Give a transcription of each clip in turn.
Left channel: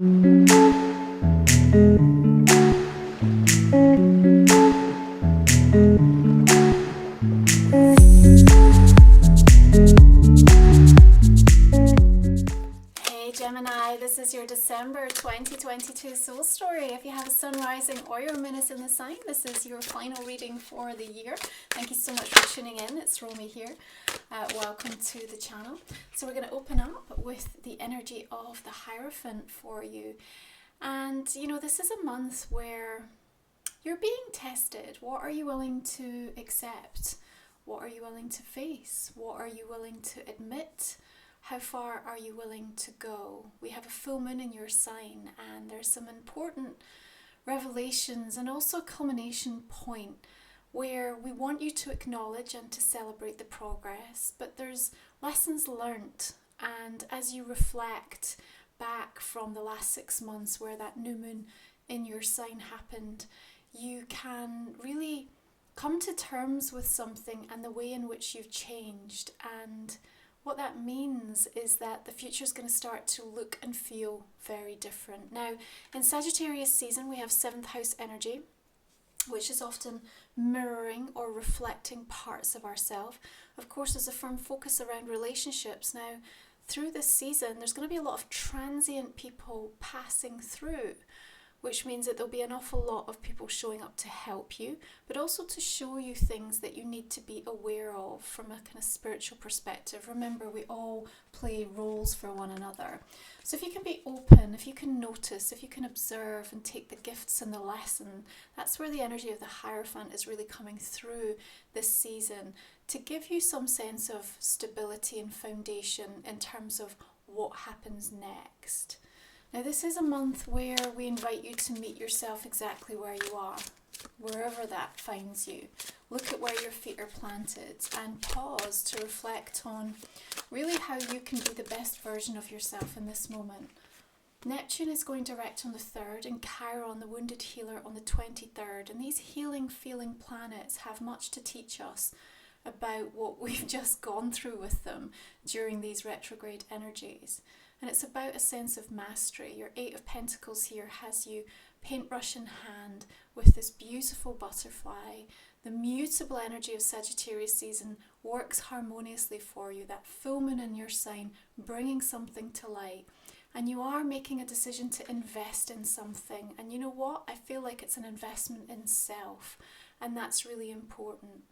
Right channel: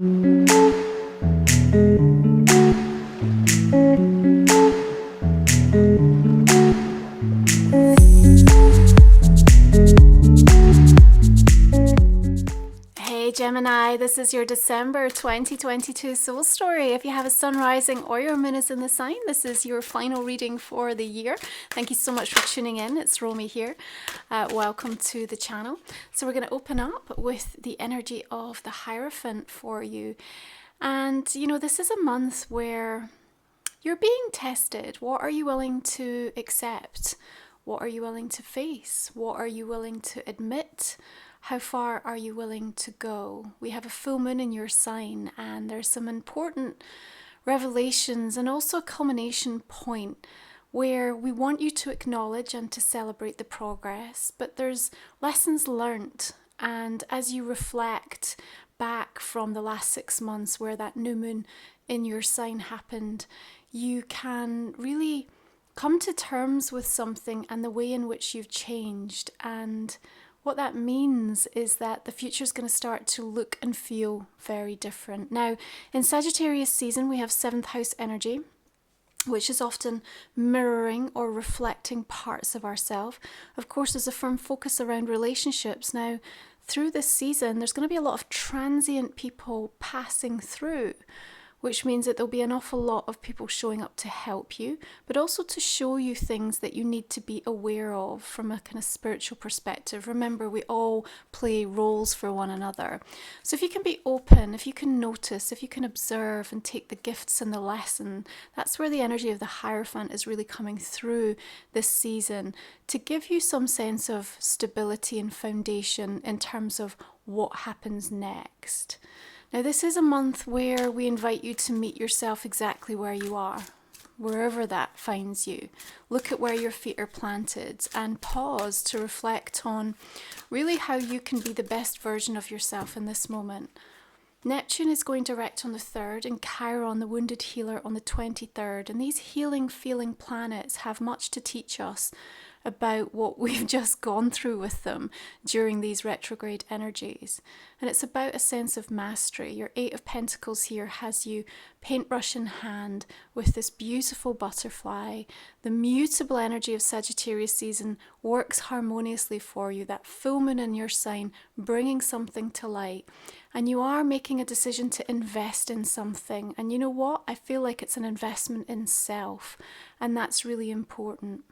Hey Gemini, this is your December 2022 soul story. If you have a sun rising or your moon is in the sign, this is your final reading for the year. Thank you so much for tuning in. It's Romy here. Welcome to the channel. So we're going to open up with the energy of the Hierophant for you. And you know, this is a month where you're being tested. What are you willing to accept? What are you willing to face? What are you willing to admit? How far are you willing to go? We have a full moon in your sign, and there's some important revelations and also a culmination point where we want you to acknowledge and to celebrate the progress, but there's lessons learnt. And as you reflect back from the last 6 months where that new moon in your sign happened, you can really come to terms with something and the way in which you've changed. And what that means is that the future is going to start to look and feel very different. Now, in Sagittarius season, we have 7th house energy, which is often mirroring or reflecting parts of ourselves. Of course, there's a firm focus around relationships. Now, through this season, there's going to be a lot of transient people passing through, which means that there'll be an awful lot of people showing up to help you, but also to show you things that you need to be aware of from a kind of spiritual perspective. Remember, we all play roles for one another. So if you can be open, if you can notice, if you can observe and take the gifts and the lesson, that's where the energy of the Hierophant is really coming through this season to give you some sense of stability and foundation in terms of what happens next. Now, this is a month where we invite you to meet yourself exactly where you are, wherever that finds you. Look at where your feet are planted and pause to reflect on really how you can be the best version of yourself in this moment. Neptune is going direct on the 3rd and Chiron, the wounded healer, on the 23rd. And these healing, feeling planets have much to teach us about what we've just gone through with them during these retrograde energies. And it's about a sense of mastery. Your 8 of Pentacles here has you paintbrush in hand with this beautiful butterfly. The mutable energy of Sagittarius season works harmoniously for you. That full moon in your sign bringing something to light. And you are making a decision to invest in something. And you know what? I feel like it's an investment in self. And that's really important.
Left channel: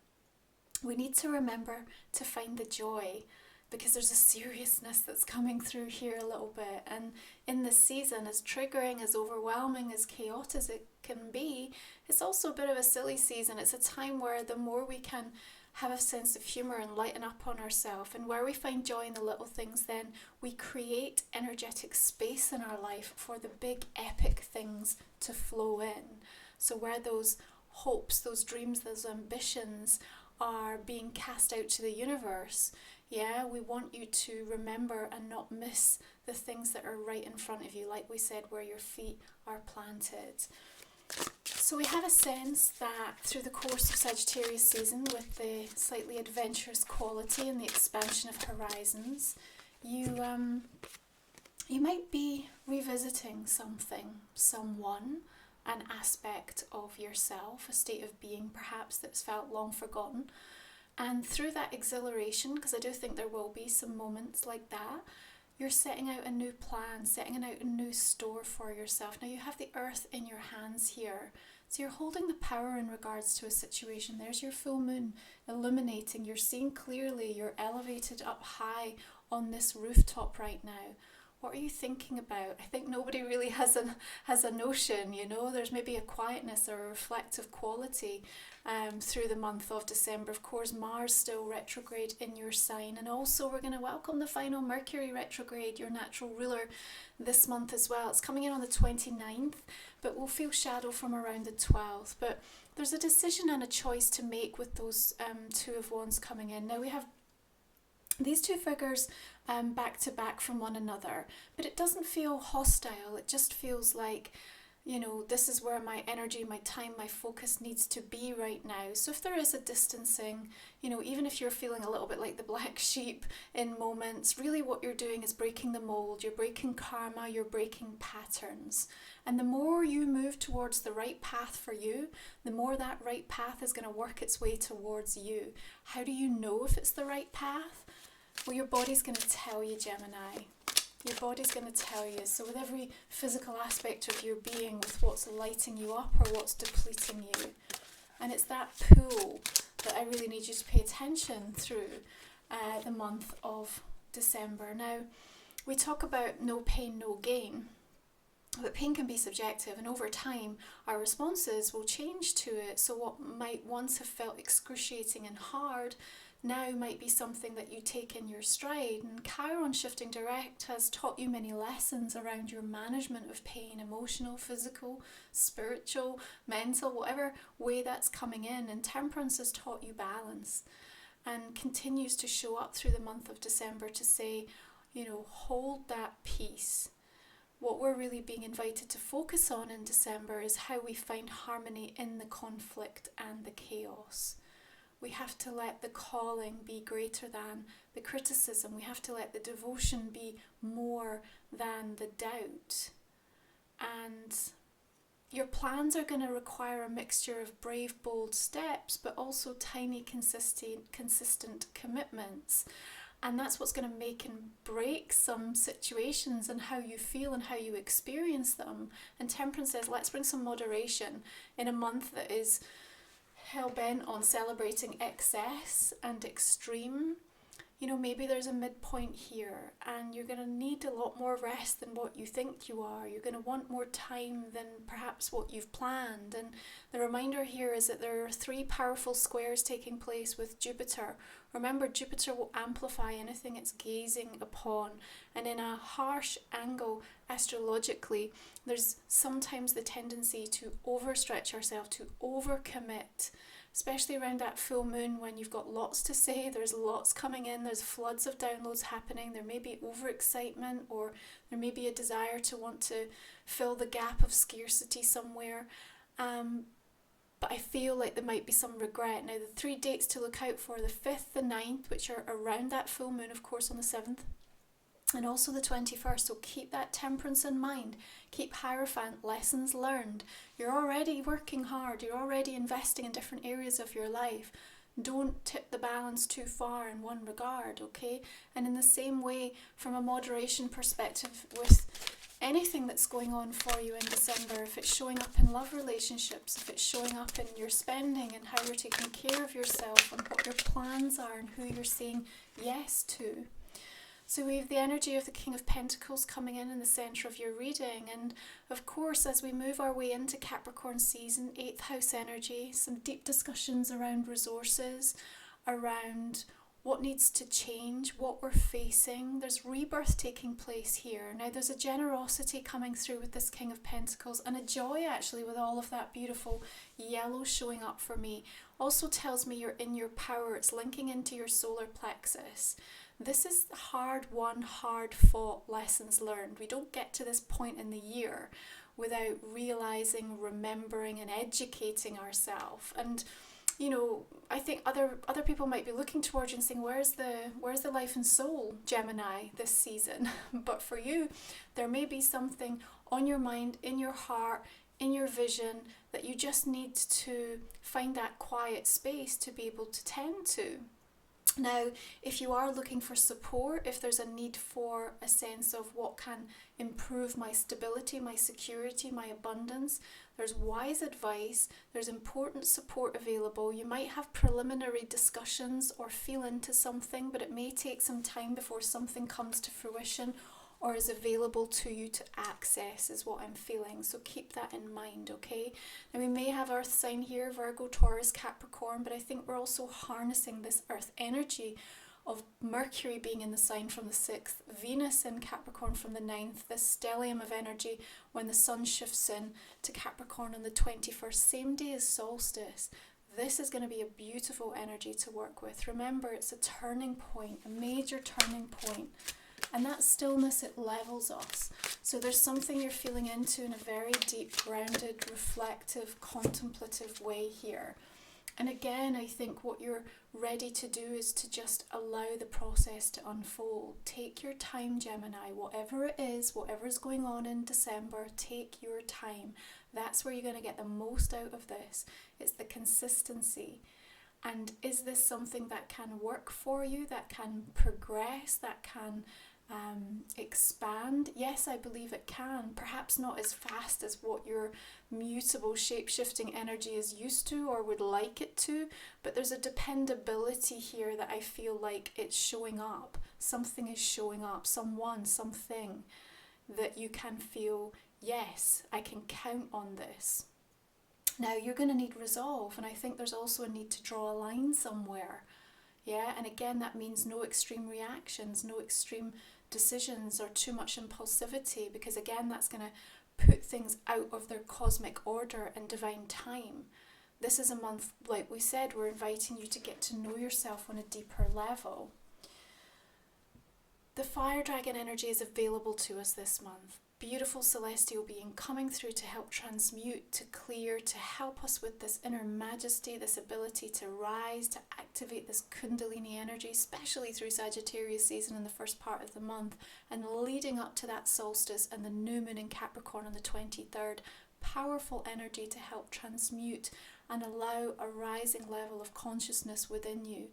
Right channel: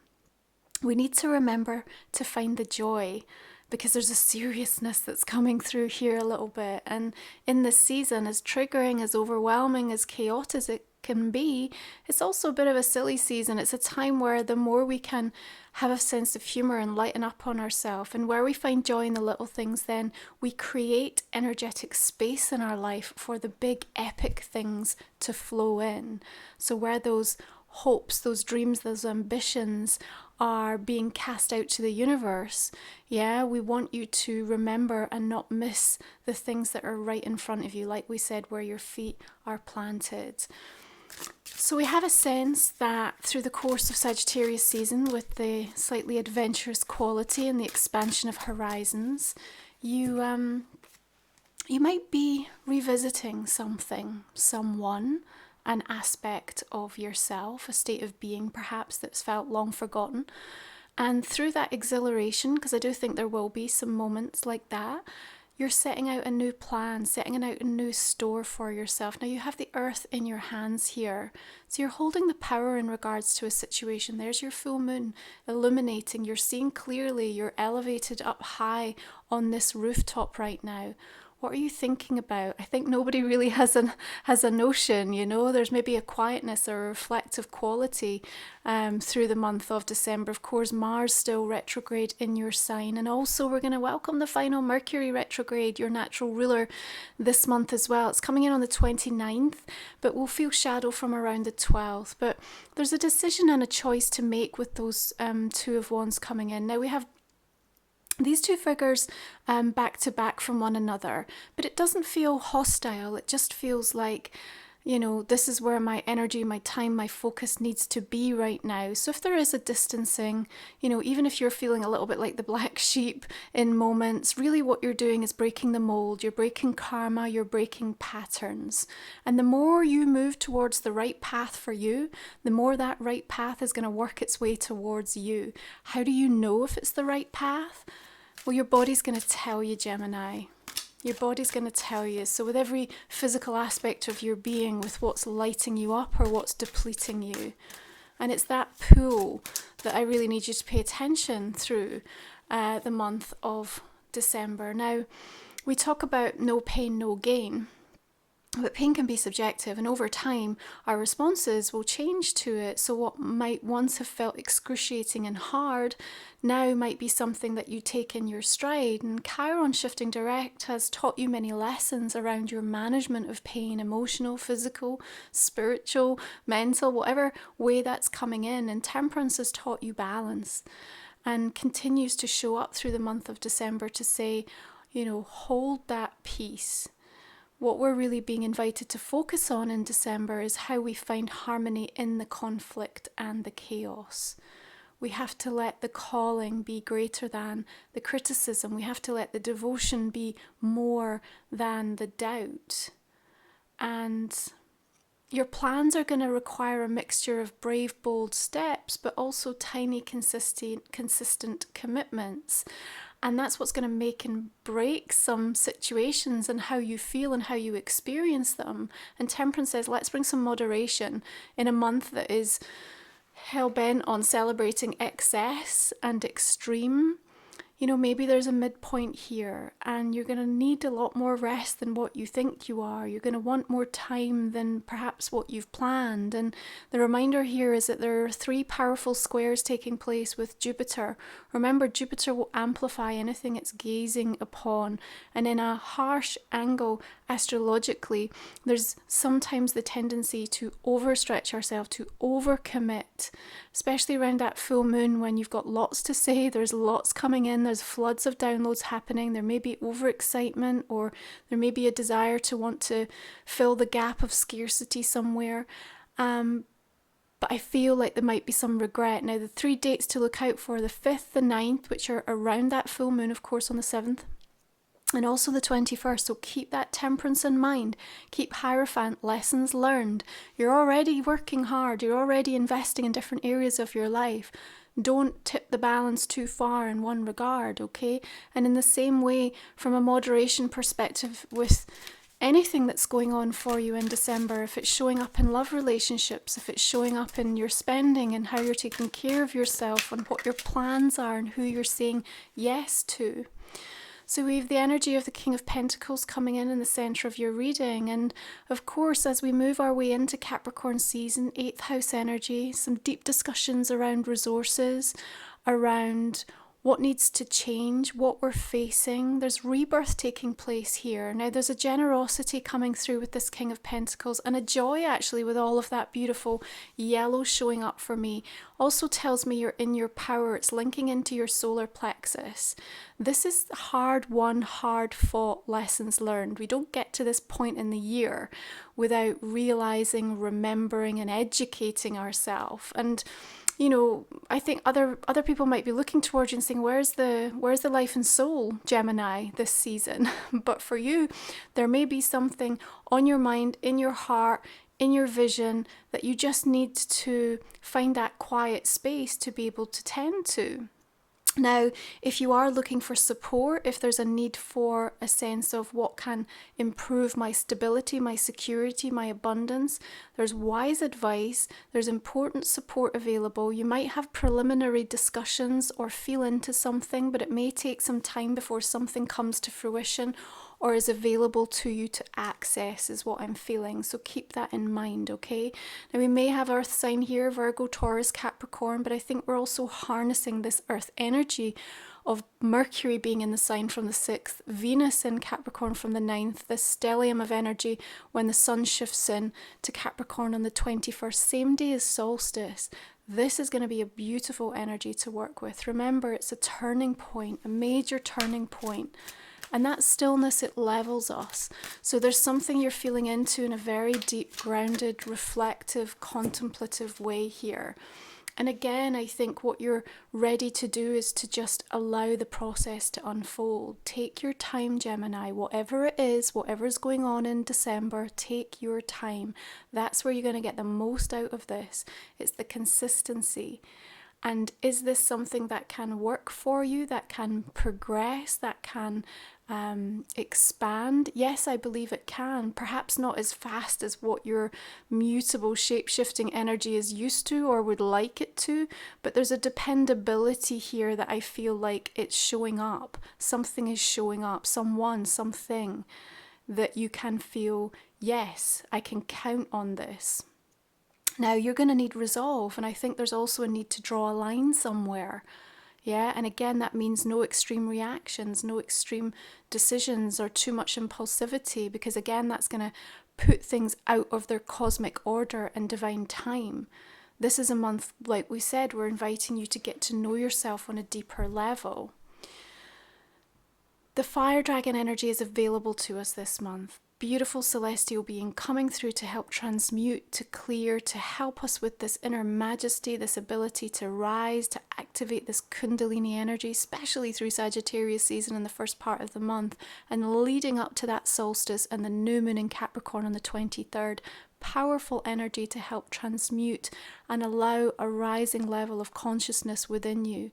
We need to remember to find the joy, because there's a seriousness that's coming through here a little bit. And in this season, as triggering, as overwhelming, as chaotic as it can be, it's also a bit of a silly season. It's a time where the more we can have a sense of humor and lighten up on ourselves, and where we find joy in the little things, then we create energetic space in our life for the big epic things to flow in. So where those hopes, those dreams, those ambitions are being cast out to the universe, we want you to remember and not miss the things that are right in front of you, like we said, where your feet are planted. So we have a sense that through the course of Sagittarius season, with the slightly adventurous quality and the expansion of horizons, you might be revisiting something, someone, an aspect of yourself, a state of being perhaps that's felt long forgotten. And through that exhilaration, because I do think there will be some moments like that, you're setting out a new plan, setting out a new store for yourself. Now you have the earth in your hands here. So you're holding the power in regards to a situation. There's your full moon illuminating. You're seeing clearly. You're elevated up high on this rooftop right now. What are you thinking about? I think nobody really has a notion, you know. There's maybe a quietness or a reflective quality through the month of December. Of course, Mars still retrograde in your sign. And also we're going to welcome the final Mercury retrograde, your natural ruler, this month as well. It's coming in on the 29th, but we'll feel shadow from around the 12th. But there's a decision and a choice to make with those 2 of Wands coming in. Now we have these 2 figures back to back from one another, but it doesn't feel hostile. It just feels like, this is where my energy, my time, my focus needs to be right now. So if there is a distancing, even if you're feeling a little bit like the black sheep in moments, really what you're doing is breaking the mold, you're breaking karma, you're breaking patterns. And the more you move towards the right path for you, the more that right path is going to work its way towards you. How do you know if it's the right path? Well, your body's going to tell you, Gemini. Your body's going to tell you. So with every physical aspect of your being, with what's lighting you up or what's depleting you. And it's that pull that I really need you to pay attention through the month of December. Now, we talk about no pain, no gain. But pain can be subjective, and over time our responses will change to it. So what might once have felt excruciating and hard now might be something that you take in your stride. And Chiron shifting direct has taught you many lessons around your management of pain, emotional, physical, spiritual, mental, whatever way that's coming in. And Temperance has taught you balance and continues to show up through the month of December to say, hold that peace. What we're really being invited to focus on in December is how we find harmony in the conflict and the chaos. We have to let the calling be greater than the criticism. We have to let the devotion be more than the doubt. And your plans are going to require a mixture of brave, bold steps, but also tiny, consistent commitments. And that's what's going to make and break some situations and how you feel and how you experience them. And Temperance says, let's bring some moderation in a month that is hell-bent on celebrating excess and extreme. Maybe there's a midpoint here, and you're going to need a lot more rest than what you think you are. You're going to want more time than perhaps what you've planned. And the reminder here is that there are 3 powerful squares taking place with Jupiter. Remember, Jupiter will amplify anything it's gazing upon. And in a harsh angle, astrologically, there's sometimes the tendency to overstretch ourselves, to overcommit, especially around that full moon when you've got lots to say, there's lots coming in, there's floods of downloads happening, there may be overexcitement, or there may be a desire to want to fill the gap of scarcity somewhere. But I feel like there might be some regret. Now, the 3 dates to look out for, the 5th, the 9th, which are around that full moon, of course, on the 7th, and also the 21st. So keep that Temperance in mind. Keep Hierophant, lessons learned. You're already working hard. You're already investing in different areas of your life. Don't tip the balance too far in one regard, okay? And in the same way, from a moderation perspective, with anything that's going on for you in December, if it's showing up in love relationships, if it's showing up in your spending and how you're taking care of yourself and what your plans are and who you're saying yes to. So we have the energy of the King of Pentacles coming in the centre of your reading. And of course, as we move our way into Capricorn season, 8th house energy, some deep discussions around resources, around what needs to change, what we're facing. There's rebirth taking place here. Now, there's a generosity coming through with this King of Pentacles, and a joy actually with all of that beautiful yellow showing up for me. Also tells me you're in your power. It's linking into your solar plexus. This is hard won, hard fought lessons learned. We don't get to this point in the year without realizing, remembering, and educating ourselves. And I think other people might be looking towards you and saying, where's the life and soul, Gemini, this season? But for you, there may be something on your mind, in your heart, in your vision that you just need to find that quiet space to be able to tend to. Now, if you are looking for support, if there's a need for a sense of what can improve my stability, my security, my abundance, there's wise advice, there's important support available. You might have preliminary discussions or feel into something, but it may take some time before something comes to fruition or is available to you to access, is what I'm feeling. So keep that in mind, okay? Now, we may have Earth sign here, Virgo, Taurus, Capricorn, but I think we're also harnessing this Earth energy of Mercury being in the sign from the 6th, Venus in Capricorn from the 9th, this stellium of energy when the sun shifts in to Capricorn on the 21st, same day as solstice. This is going to be a beautiful energy to work with. Remember, it's a turning point, a major turning point. And that stillness, it levels us. So there's something you're feeling into in a very deep, grounded, reflective, contemplative way here. And again, I think what you're ready to do is to just allow the process to unfold. Take your time, Gemini. Whatever it is, whatever's going on in December, take your time. That's where you're going to get the most out of this. It's the consistency. And is this something that can work for you, that can progress, that can expand? Yes, I believe it can. Perhaps not as fast as what your mutable, shape-shifting energy is used to or would like it to, but there's a dependability here that I feel like it's showing up. Something is showing up, someone, something that you can feel, yes, I can count on this. Now, you're going to need resolve, and I think there's also a need to draw a line somewhere. Yeah, and again, that means no extreme reactions, no extreme decisions or too much impulsivity, because again, that's going to put things out of their cosmic order and divine time. This is a month, like we said, we're inviting you to get to know yourself on a deeper level. The fire dragon energy is available to us this month. Beautiful celestial being coming through to help transmute, to clear, to help us with this inner majesty, this ability to rise, to activate this kundalini energy, especially through Sagittarius season in the first part of the month, and leading up to that solstice and the new moon in Capricorn on the 23rd. Powerful energy to help transmute and allow a rising level of consciousness within you.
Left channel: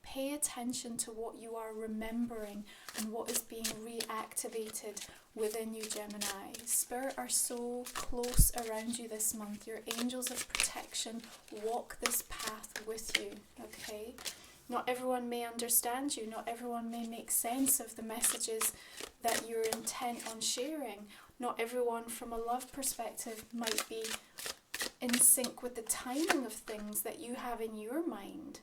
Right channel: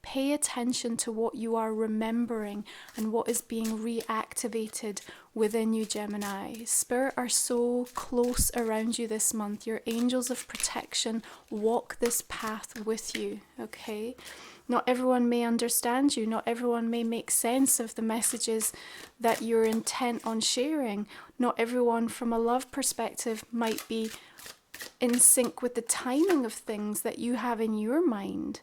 Pay attention to what you are remembering and what is being reactivated within you, Gemini. Spirit are so close around you this month. Your angels of protection walk this path with you, okay? Not everyone may understand you. Not everyone may make sense of the messages that you're intent on sharing. Not everyone from a love perspective might be in sync with the timing of things that you have in your mind.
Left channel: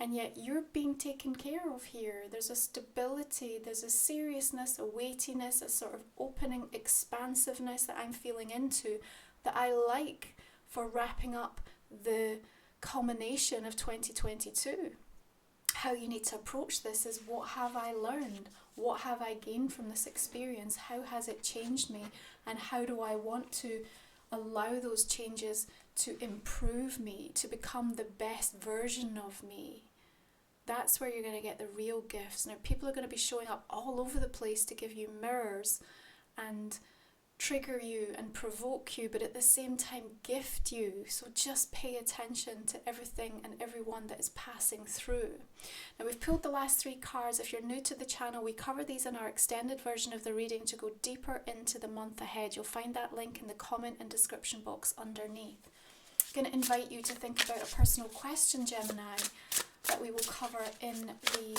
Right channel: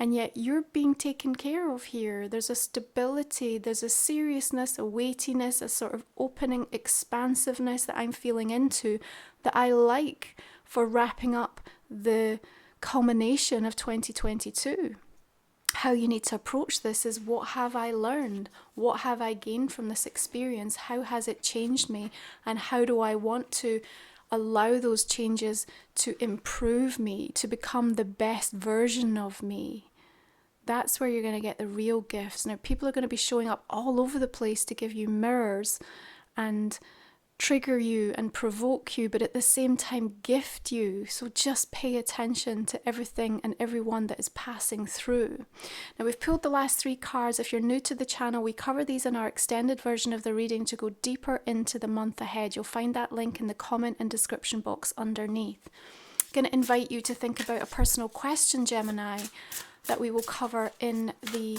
And yet you're being taken care of here. There's a stability, there's a seriousness, a weightiness, a sort of opening expansiveness that I'm feeling into that I like for wrapping up the culmination of 2022. How you need to approach this is, what have I learned? What have I gained from this experience? How has it changed me? And how do I want to allow those changes to improve me, to become the best version of me? That's where you're going to get the real gifts. Now, people are going to be showing up all over the place to give you mirrors and trigger you and provoke you, but at the same time gift you. So just pay attention to everything and everyone that is passing through. Now, we've pulled the last 3 cards. If you're new to the channel, we cover these in our extended version of the reading to go deeper into the month ahead. You'll find that link in the comment and description box underneath. I'm going to invite you to think about a personal question, Gemini, that we will cover in the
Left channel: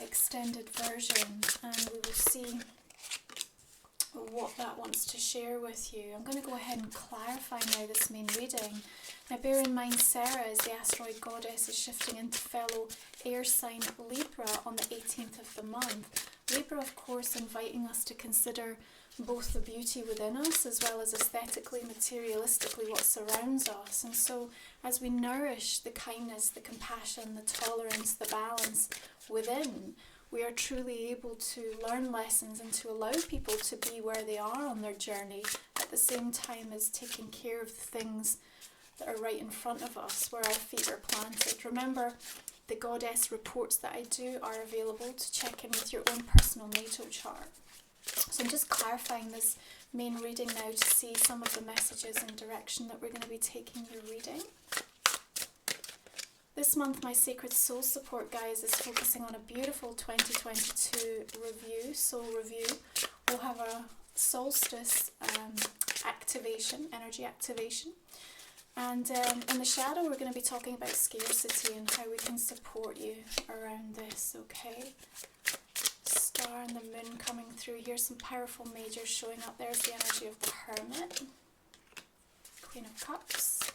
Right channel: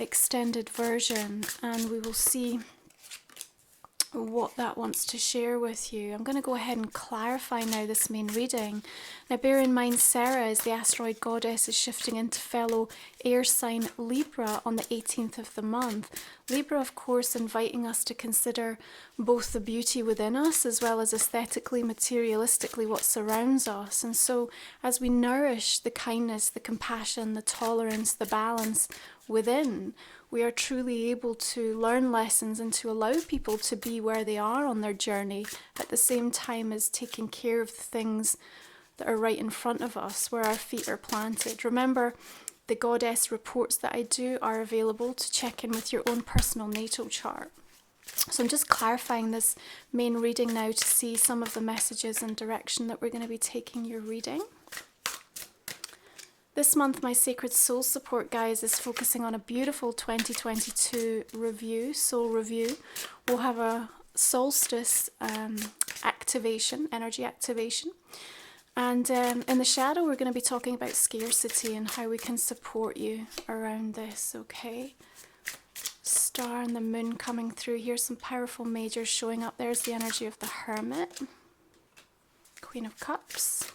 extended version, and we will see what that wants to share with you. I'm going to go ahead and clarify now this main reading. Now, bear in mind, Sarah, as the asteroid goddess, is shifting into fellow air sign Libra on the 18th of the month. Libra, of course, inviting us to consider both the beauty within us as well as aesthetically, materialistically what surrounds us. And so as we nourish the kindness, the compassion, the tolerance, the balance within, we are truly able to learn lessons and to allow people to be where they are on their journey, at the same time as taking care of the things that are right in front of us, where our feet are planted. Remember, the goddess reports that I do are available to check in with your own personal natal chart. So I'm just clarifying this main reading now to see some of the messages and direction that we're going to be taking your reading. This month, my Sacred Soul Support, guys, is focusing on a beautiful 2022 review, soul review. We'll have a solstice activation, energy activation. And in the shadow, we're going to be talking about scarcity and how we can support you around this, okay? Star and the moon coming through here, some powerful majors showing up. There's the energy of the Hermit, Queen of Cups.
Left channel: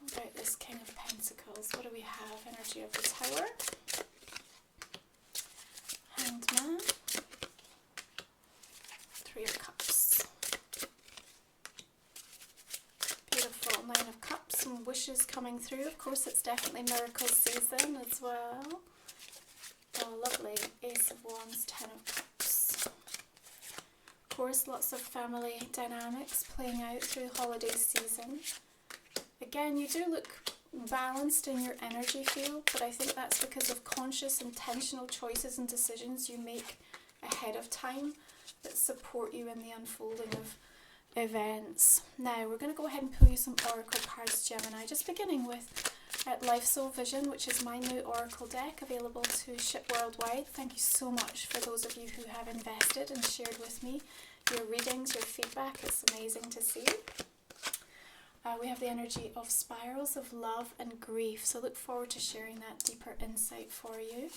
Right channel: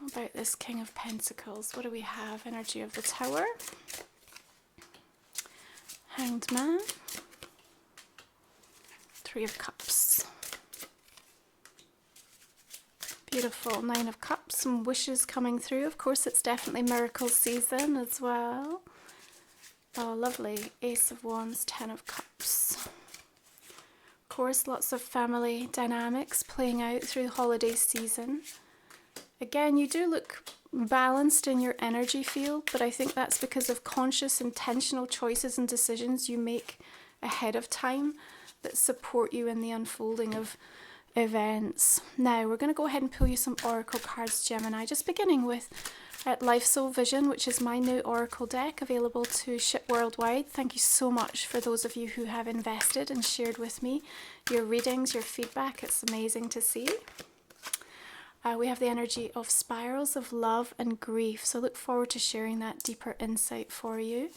What about this King of Pentacles? What do we have? Energy of the Tower, Hanged Man, Three of Cups. Beautiful. 9 of Cups, some wishes coming through. Of course, it's definitely miracle season as well. Oh, lovely. Ace of Wands, Ten of Cups. Of course, lots of family dynamics playing out through the holiday season. Again, you do look balanced in your energy field, but I think that's because of conscious, intentional choices and decisions you make ahead of time that support you in the unfolding of events. Now, we're going to go ahead and pull you some oracle cards, Gemini, just beginning with Life Soul Vision, which is my new oracle deck available to ship worldwide. Thank you so much for those of you who have invested and shared with me your readings, your feedback. It's amazing to see. We have the energy of spirals of love and grief, so look forward to sharing that deeper insight for you.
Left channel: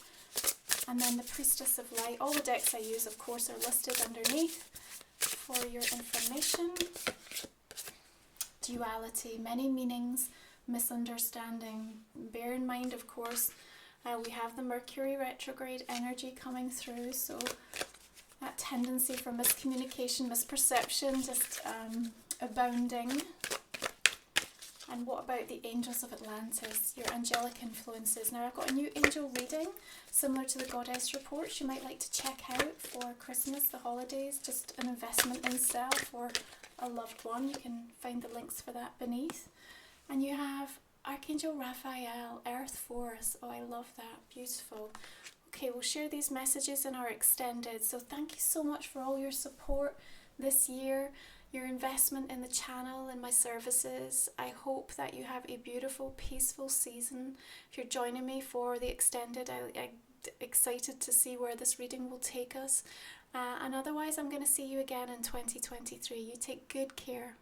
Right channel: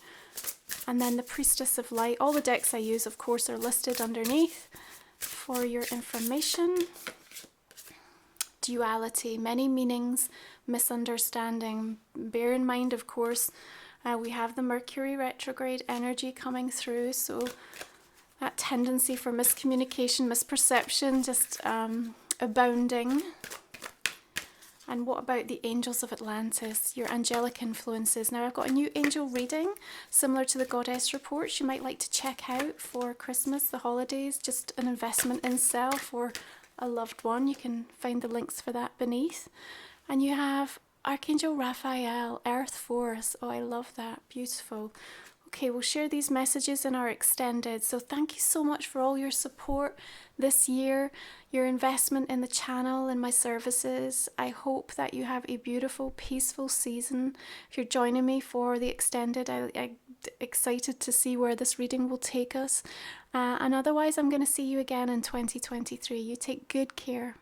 And then the Priestess of Light. All the decks I use, of course, are listed underneath for your information. Duality, many meanings, misunderstanding. Bear in mind, of course, we have the Mercury retrograde energy coming through, so that tendency for miscommunication, misperception, just abounding. And what about the angels of Atlantis, your angelic influences? Now, I've got a new angel reading, similar to the goddess reports you might like to check out for Christmas, the holidays, just an investment in self or a loved one. You can find the links for that beneath. And you have Archangel Raphael, Earth Force. Oh, I love that. Beautiful. Okay, we'll share these messages in our extended. So thank you so much for all your support this year, your investment in the channel and my services. I hope that you have a beautiful, peaceful season. If you're joining me for the extended, I'm excited to see where this reading will take us. And otherwise, I'm going to see you again in 2023. You take good care.